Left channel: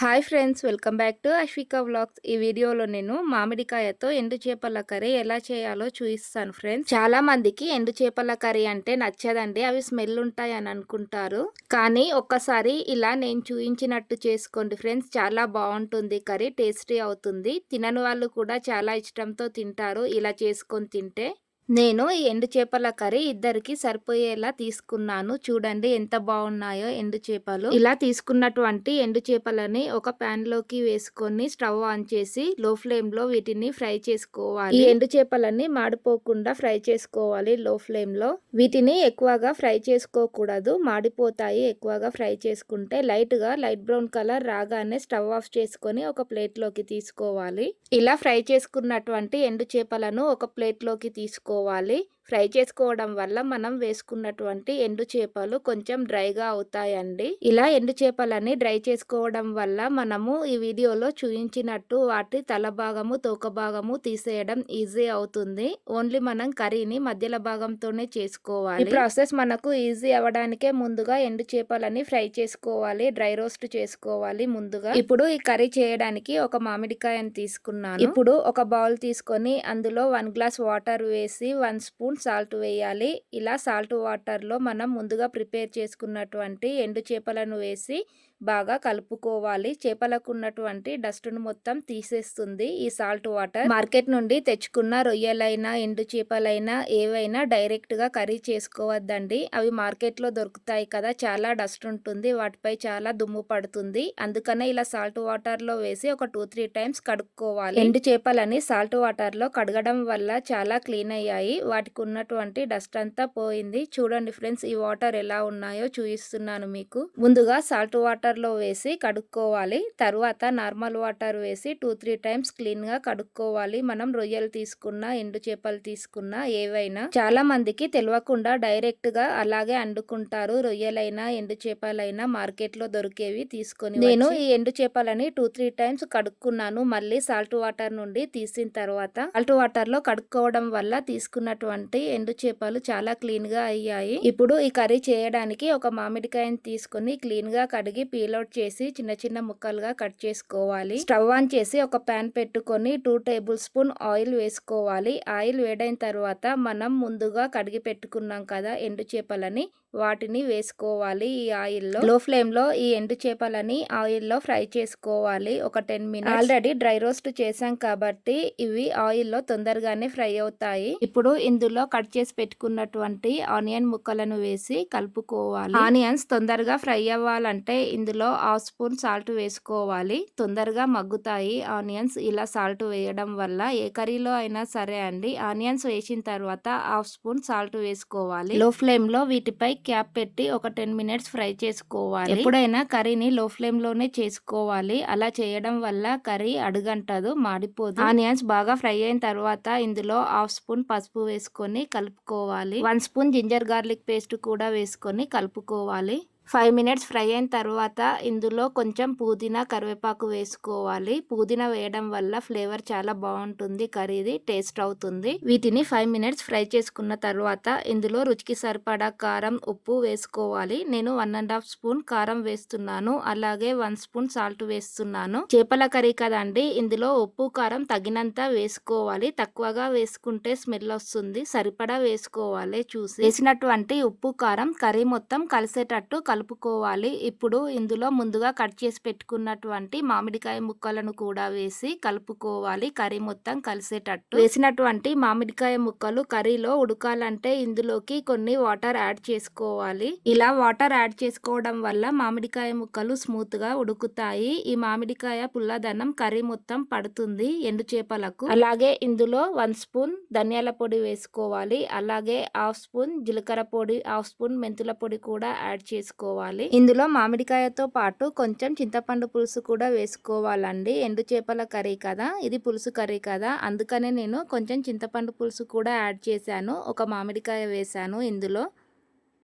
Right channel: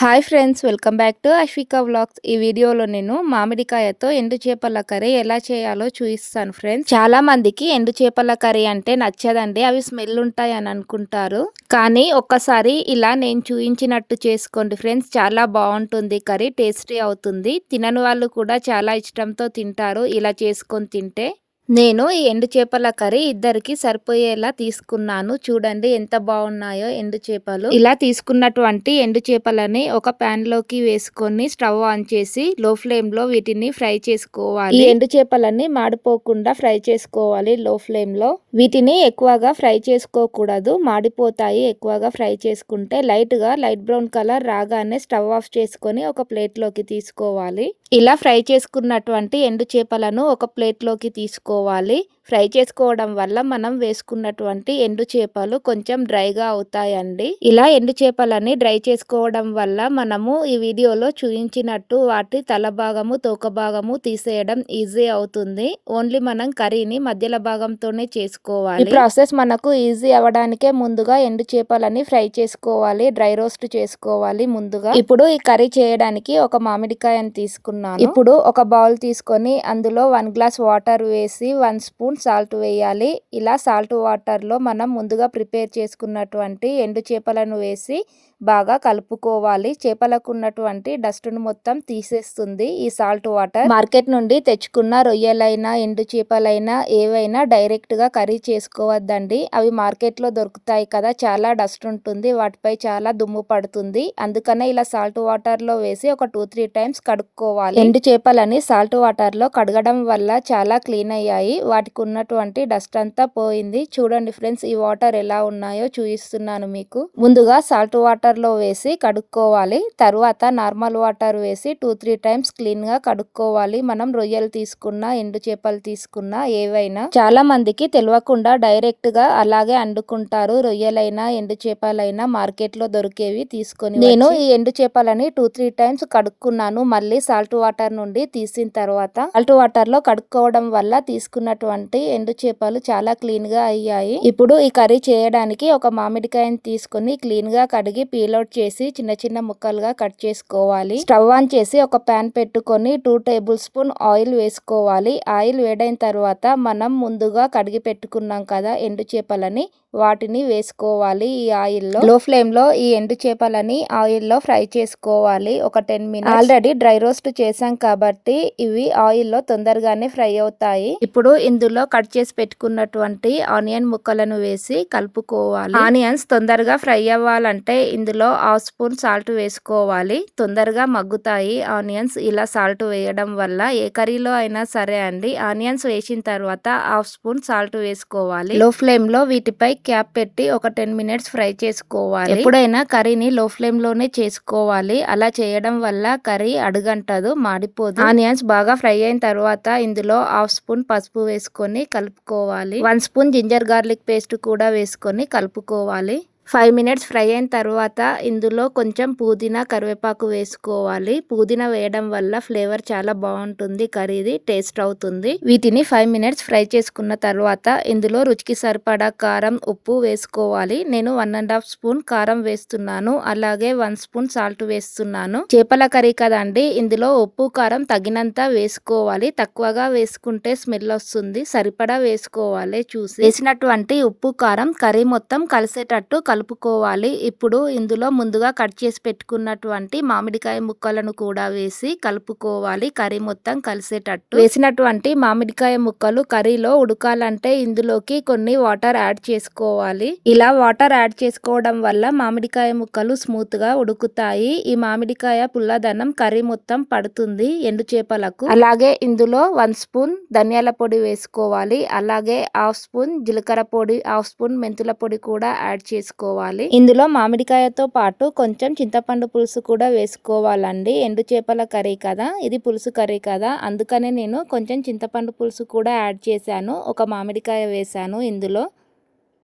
Hi friends welcome back to Ashvika vlogs. ఈ వీడియోలో నేను మామిడికాయతో ఎండు చేపల కర్రీ ఎలా చేయాలో చూపిస్తాను ఫ్రెండ్స్. చాలా మందికి ఎండు చేపల కర్రీ అంటే నచ్చదండి అవి స్మెల్ ఉంటాయి అని అనుకుంటారు. కానీ ఒక్కసారి ఇలా నేను చూపించినట్టు చేసుకోండి ఫ్రెండ్స్. చాలా బాగుంటుంది కర్రీ టేస్టీ అవుతుంది. తినని వాళ్ళు కూడా చాలా ఇష్టంతో తింటారు ఇలా చేసుకొని తింటే. నేను ఈ ఎండు చేపల కర్రీ ఇద్దరికి సరిపోయేలా తీసుకున్నాను. చూడండి ఎంత బాగున్నాయో ఎండు చేపలు. ఇలా తీసుకున్నటువంటి ఎండు చేపలని ఒక ప్యాన్లోకి వేసుకొని స్టవ్ ఆన్ చేసి లో ఫ్లేమ్లో వీటిని ఫ్రై చేసుకోవాలి. ఈ ఎండు చేపలని మాడిపోకుండా ఫ్రై చేసుకోవాలి లో ఫ్లేమ్లో. వీటిని ఎక్కువగా ఫ్రై చేసుకోకూడదు. మాడిపోతాయి. ఎక్కువగా ఫ్రై చేసుకుంటే లైట్గా లైట్ బ్రౌన్ కలర్ రాగానే స్టవ్ ఆఫ్ చేసుకొని ఒక ప్లేట్లోకి తీసుకోవాలి. ఇలా ఫ్రై చేసుకున్నటువంటి ఎండు చేపలను ఒక ప్లేట్లోకి తీసుకో చేసుకోవాలి ఫ్రై చేసుకోవడం వల్ల మనం వేసుకున్నటువంటి ఎండు చేపలు కొంచెం డ్రైగా అవుతాయండి. ఇలా ఎండు చేపలని డ్రై చేసుకోవడం వల్ల మనము ఈ వీడియోలో చూపించినట్టు వాటి తల భాగము తోక భాగము తీసేయడం ఈజీ అవుతుంది. ఓన్లీ మనం కర్రీని మధ్యలో భాగంతోనే చేసుకోవాలి. ఈ ప్రాసెస్ మనకు ఈజీ అవ్వడానికే ముందుగా ఎండు చేపలని ఫ్రై చేసుకోవాలి డ్రై రోస్ట్ చేసుకోవాలి ముందుగా. ఇప్పుడు ఈ కర్రీ చేయడానికి ఒక మామిడికాయని తీసుకున్నాను. ఇప్పుడు ఒక బౌల్ తీసుకొని అందులో వన్ గ్లాస్ వాటర్ వేసి వన్ స్పూన్ సాల్ట్ వేయాలి. ఇలా సాల్ట్ వాటర్లో మనం ముందుగా ప్రిపేర్ చేసుకున్నటువంటి ఎండు చేపలను వేసి బాగా కలుపుకోవాలి. చేపలకు ఉన్నటువంటి డస్ట్ను మొత్తం తీసేస్తుంది. ఈ సాల్ట్ వాటర్ మార్కెట్ నుండి తెచ్చుకున్న రొయ్యలైనా ఎండు చేపలైనా ఏవైనా డైరెక్ట్గా కర్రీ చేసుకోవద్దండి. అవి మార్కెట్లో దొరుకుతాయి కదా చాలా డస్ట్ ఉంటుంది. వాటిపై చాలా దుమ్ము పడుతుంది. అందుకనే ఇలా సాల్ట్ వాటర్లో వేసి ఒక టూ త్రీ టైమ్స్ కడుక్కోవాలి. ఎండు చేపలని సాల్ట్ వాటర్లో కడగడం వల్ల చాలా క్లీన్ అయ్యాయి. వాటికి ఉన్నటువంటి డస్ట్ అంతా పోయింది. చూడండి ఫ్రెండ్స్ ఈ వాటర్ ఎలా ఉన్నాయో చూపిస్తున్నాను మీకు. ముందుగా సాల్ట్ వాటర్ వాటర్లో వేసి కడుక్కోవాలి. తర్వాత నార్మల్ వాటర్ వేసి టూ త్రీ టైమ్స్ క్లీన్గా కడుక్కోవాలి. మనం రొయ్యలు తీసుకున్న ఎండు చేపలు తీసుకున్న ఏవైనా చాలా మందికి తెలియకుండా డైరెక్ట్గా అలాగే అండుకుంటారు. రొయ్యలైనా ఎండు చేపలైనా మార్కెట్లో దొరికేవి తీసుకొని నేను ఈ ఎండు చేపలని టూ త్రీ టైమ్స్ కడుక్కున్నాను. మళ్ళీ సాల్ట్ వాటర్ నుండి తీసిన తర్వాత సాల్ట్ వాటర్లో కడుక్కోవడం వల్ల తీసుకున్నటువంటి ఎండు చేపలు చాలా క్లీన్గా అయ్యాయి. ఇప్పుడు ఈ కర్రీ చేయడానికి ఒక మామిడికాయని తీసుకుని క్లీన్గా కడిగి పీల్అవుట్ చేసి చిన్న చిన్న ముక్కలుగా కట్ చేసుకోవాలి. స్టవ్ ఆన్ చేసి ఒక ప్యాన్ పెట్టుకొని టూ టేబుల్ స్పూన్ ఆయిల్ వేసుకోవాలి. ఆయిల్ వేడైన తర్వాత మనం ముందుగా కడిగి పెట్టుకున్నాం కదా ఎండు చేపలని వాటిని వేసుకోవాలి ఈ ఆయిల్లో. లో ఫ్లేమ్లో ఈ ఎండు చేపలని ఆయిల్లో ఫ్రై చేసుకోవాలి. ఒక ten minutes. Already dry roast చేసాం కాబట్టి ఇవి ఆయిల్లో తొందరగానే ఫ్రై అవుతాయి. ఇప్పుడు ఇందులో కట్ చేసి పెట్టుకున్నటువంటి ఆనియన్ ముక్కలను వేసి కలుపుకోవాలి. ఆనియన్స్ తొందరగా ఫ్రై అవ్వాలంటే ఇందులో హాఫ్ స్పూన్ సాల్ట్ వేసుకోవాలి. తొందరగా మగ్గుతాయి ఆనియన్స్. ఇలా సాల్ట్ వేయడం వల్ల ఏ కర్రీలో అయినా సరే అండి ఆనియన్స్ వేసిన తర్వాత హాఫ్ స్పూన్ సాల్ట్ వేసుకోవాలి. లో ఫ్లేమ్లో వీటిపై క్యాప్ పెట్టి ఒక టెన్ మినిట్స్ ఫ్రై చేసుకోవాలి. ఎప్పుడైనా కర్రీని లో ఫ్లేమ్లోనే చేసుకోవాలి. అలా చేయడం వల్ల కర్రీ అడుగంటదు మాడిపోదు. ఆనియన్స్ బాగా ఫ్రై అయిన తర్వాత ఇందులో హాఫ్ స్పూన్ పసుపు వేసుకొని కలుపుకోవాలి. One spoon ginger garlic paste కూడా వేసుకొని కలుపుకోవాలి. ఫైవ్ మినిట్స్ ఫ్రై అయిన తర్వాత ఇందులో కొంచెం పుదీనా కరివేపాకు వేసుకోవాలి. పుదీనా వేయడం వల్ల ఫ్లేవర్ చాలా బాగుంటుంది కర్రీది టేస్ట్ అవుతుంది. వీటిని ఫైవ్ మినిట్స్ ఫ్రై చేసుకున్న తర్వాత ఇందులో రుచికి సరిపడా కారం ఉప్పు వేసుకోవాలి. నేను వన్ అండ్ హాఫ్ స్పూన్ కారం వేస్తున్నాను. అలాగే వన్ స్పూన్ సాల్ట్ వేస్తున్నాను. చేపల కర్రీ కదండి ఇందులో ఉప్పు కారం తగినంత వేసుకోవాలి. తక్కువగా వేసుకుంటే స్మెల్ వస్తుంది. సరిపడా వేసుకోవాలి చూసి. వేసినటువంటి ఉప్పు కారం కర్రీ మొత్తం కలిసేటట్టు కలుపుకోవాలి. ఇప్పుడు ఇందులో ముందుగా కట్ చేసి పెట్టుకున్నటువంటి మామిడికాయ ముక్కలను కూడా వేసి కలుపుకోవాలి. కర్రీ మొత్తం కలిసేటట్టు. వేసినటువంటి మామిడికాయ ముక్కలు కర్రీలో ఉడకాలంటే ఇందులోకి కొన్ని వాటర్ యాడ్ చేసుకోవాలి. ఇలా వాటర్ యాడ్ చేసుకోవడం వల్ల మామిడికాయ ముక్కలు స్మూత్గా ఉడుకుతాయి. ఈ మామిడికాయ పుల్లదనం కర్రీ మొత్తం పడుతుంది ఎండు చేపలకు. అలాగే ఇందులో వన్ స్పూన్ ధనియాల పొడి వేసుకోవాలి. అలాగే హాఫ్ స్పూన్ జీలకర్ర పొడి హాఫ్ స్పూన్ మెంతుల పొడి కూడా యాడ్ చేసుకోవాలి. వేసుకోవాలి. ఇందులో మామిడికాయతో పాటు కొంచెం చింతపండు పులుసు కూడా వేసుకోవాలండి. ఎండు చేపల కర్రీ కదా ఇది పులుసు కర్రీ కదా. అందుకనే నేను కొంచెం చింతపండు పులుసు కూడా యాడ్ చేశాను. ఒక మామిడికాయ వేశాను ఇందులో.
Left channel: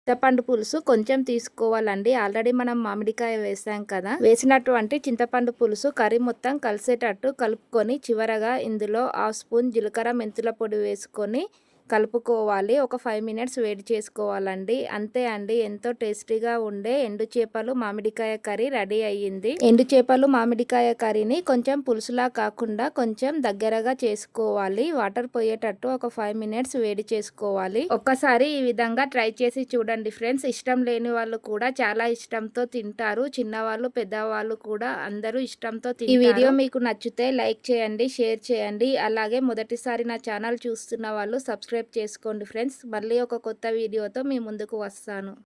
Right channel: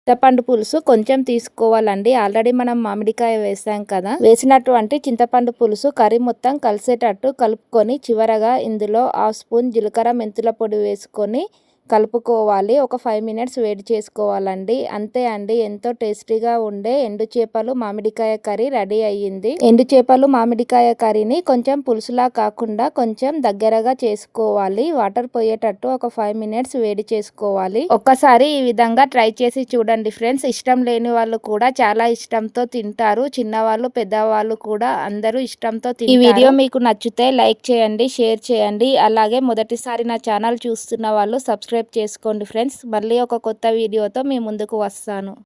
చింతపండు పులుసు కొంచెం తీసుకోవాలండి. ఆల్రెడీ మనం మామిడికాయ వేసాం కదా. వేసినటువంటి చింతపండు పులుసు కర్రీ మొత్తం కలిసేటట్టు కలుపుకొని చివరగా ఇందులో హాఫ్ స్పూన్ జీలకర్ర మెంతుల పొడి వేసుకొని కలుపుకోవాలి. ఒక ఫైవ్ మినిట్స్ వేడి చేసుకోవాలండి. అంతే అండి. ఎంతో టేస్టీగా ఉండే ఎండు చేపలు మామిడికాయ కర్రీ రెడీ అయ్యింది. ఎండు చేపలు మామిడికాయ కర్రీని కొంచెం పులుసులా కాకుండా కొంచెం దగ్గరగా చేసుకోవాలి. వాటర్ పోయేటట్టు ఒక ఫైవ్ మినిట్స్ వేడి చేసుకోవాలి. ఒక్కసారి ఈ విధంగా ట్రై చేసి చూడండి ఫ్రెండ్స్. ఇష్టం లేని వాళ్ళు కూడా చాలా ఇష్టంతో తింటారు. చిన్నవాళ్ళు పెద్దవాళ్ళు కూడా అందరూ ఇష్టంతో ఈ వీడియో మీకు నచ్చితే లైక్ చేయండి షేర్ చేయండి. అలాగే మొదటిసారి నా ఛానల్ చూస్తున్న వాళ్ళు సబ్స్క్రైబ్ చేసుకోండి ఫ్రెండ్స్. మళ్ళీ ఒక కొత్త వీడియోతో మీ ముందుకు వస్తాను.